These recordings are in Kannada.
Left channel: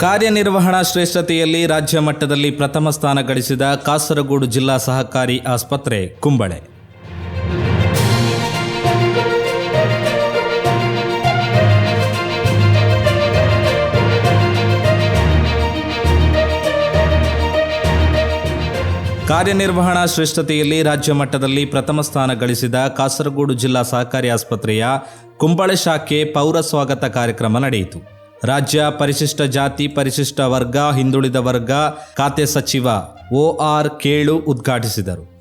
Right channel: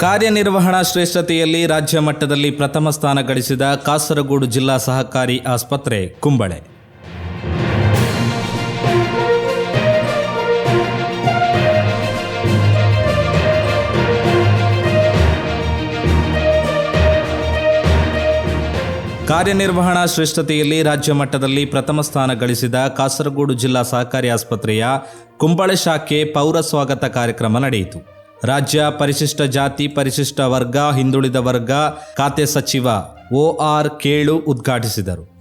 ಕಾರ್ಯನಿರ್ವಹಣಾ ಶ್ರೇಷ್ಠತೆಯಲ್ಲಿ ರಾಜ್ಯ ಮಟ್ಟದಲ್ಲಿ ಪ್ರಥಮ ಸ್ಥಾನ ಗಳಿಸಿದ ಕಾಸರಗೋಡು ಜಿಲ್ಲಾ ಸಹಕಾರಿ ಆಸ್ಪತ್ರೆ, ಕುಂಬಳೆ. ಕಾರ್ಯನಿರ್ವಹಣಾ ಶ್ರೇಷ್ಠತೆಯಲ್ಲಿ ರಾಜ್ಯ ಮಟ್ಟದಲ್ಲಿ ಪ್ರಥಮ ಸ್ಥಾನ ಗಳಿಸಿದ ಕಾಸರಗೋಡು ಜಿಲ್ಲಾ ಸಹಕಾರಿ ಆಸ್ಪತ್ರೆಯ ಕುಂಬಳೆ ಶಾಖೆ ಪೌರ ಸ್ವಾಗತ ಕಾರ್ಯಕ್ರಮ ನಡೆಯಿತು. ರಾಜ್ಯ ಪರಿಶಿಷ್ಟ ಜಾತಿ, ಪರಿಶಿಷ್ಟ ವರ್ಗ, ಹಿಂದುಳಿದ ವರ್ಗ, ಖಾತೆ ಸಚಿವ ಓ ಆರ್ ಕೇಳು ಉದ್ಘಾಟಿಸಿದರು.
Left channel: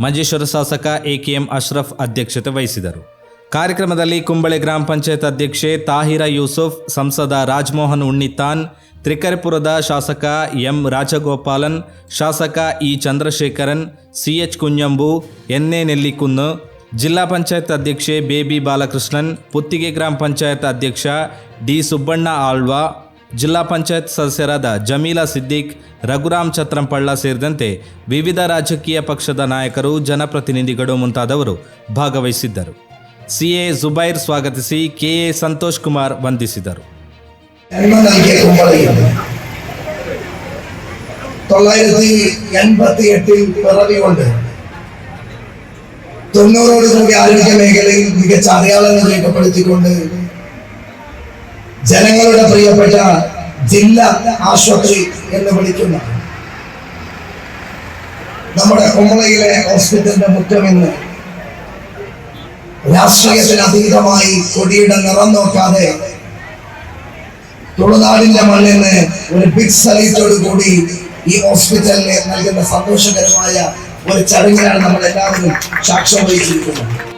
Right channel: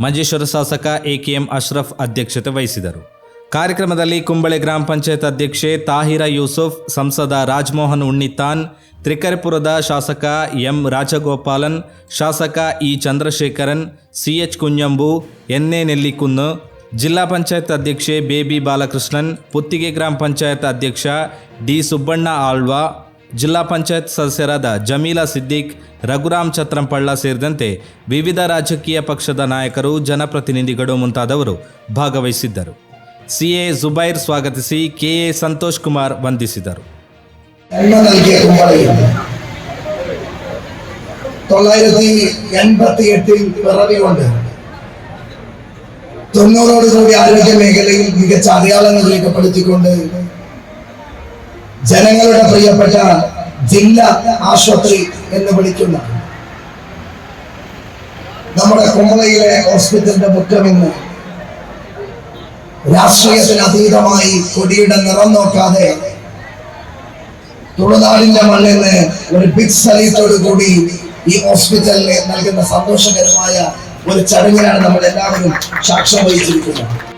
ಮಂಜೇಶ್ವರ ಶಾಸಕ ಎ ಕೆ ಎಂ ಅಶ್ರಫ್ ಅಧ್ಯಕ್ಷತೆ ವಹಿಸಿದರು. ಕಾರ್ಯಕ್ರಮದಲ್ಲಿ ಕುಂಬಳೆ ಗ್ರಾಮ ಪಂಚಾಯತ್ ಅಧ್ಯಕ್ಷೆ ತಾಹಿರಾ ಯೂಸುಫ್, ಸಂಸದ ರಾಜ್ಮೋಹನ್ ಉಣ್ಣಿತಾನ್, ತ್ರಿಕರಿಪುರದ ಶಾಸಕ ಎಂ ರಾಜಗೋಪಾಲನ್, ಶಾಸಕ E Chandrasekharan CH Kunhambu NA Nellikunnu ಜಿಲ್ಲಾ ಪಂಚಾಯತ್ ಅಧ್ಯಕ್ಷೆ ಬೇಬಿ ಬಾಲಕೃಷ್ಣನ್ ಪುತ್ತಿಗೆ ಗ್ರಾಮ ಪಂಚಾಯತ್ ಅಧ್ಯಕ್ಷ ಡಿ ಸುಬ್ಬಣ್ಣ ಆಳ್ವ ಜಿಲ್ಲಾ ಪಂಚಾಯತ್ ಸದಸ್ಯರಾದ ಜಮೀಲಾ ಸಿದ್ದಿಕ್ ರಘುರಾಮ್ ಛತ್ರಂಪಳ್ಳ ಸೇರಿದಂತೆ ವಿವಿಧ ರಾಜಕೀಯ ಪಕ್ಷದ ನಾಯಕರು ಜನಪ್ರತಿನಿಧಿಗಳು ಮುಂತಾದವರು ಭಾಗವಹಿಸಿದ್ದರು ಸಿಎ ಜುಬೈರ್ ಸ್ವಾಗತಿಸಿ ಕೆಎ ಸಂತೋಷ್ ಕುಮಾರ್ ವಂದಿಸಿದರು ജന്മം നൽകിയ കുമ്പളയാണ് തൊള്ളായിരത്തി എൺപത്തി എട്ടിൽ പിറവികൊണ്ട് തൊണ്ണൂറോടുകൂടി ആരോഗ്യ മേഖലയിൽ മികച്ച അടയാളങ്ങൾ രേഖപ്പെടുത്തിക്കൊണ്ട് ജനങ്ങളുടെ പ്രിയപ്പെട്ട ജില്ലാ ആശുപത്രി എന്ന് വിളിക്കുന്ന. നമ്മുടെ കുമ്പളയിലെ ഹോസ്പിറ്റലിന്റെ മുഖമെന്ന് രാഷ്ട്രീയത്തിന് അതീതമായി കൊടിയുടെ നിറം നോക്കാതെ തുളുനാടിന്റെ മണ്ണിന് ഒരു ബിഗ് സൈറ്റോട് കൂടി ഈ ഹോസ്പിറ്റലിൽ നൽകുന്ന സന്തോഷകരമായ ഒരു ചടങ്ങിലാണ് നമ്മൾ എല്ലാവരും സാക്ഷ്യം വഹിച്ചിരിക്കുന്നത്.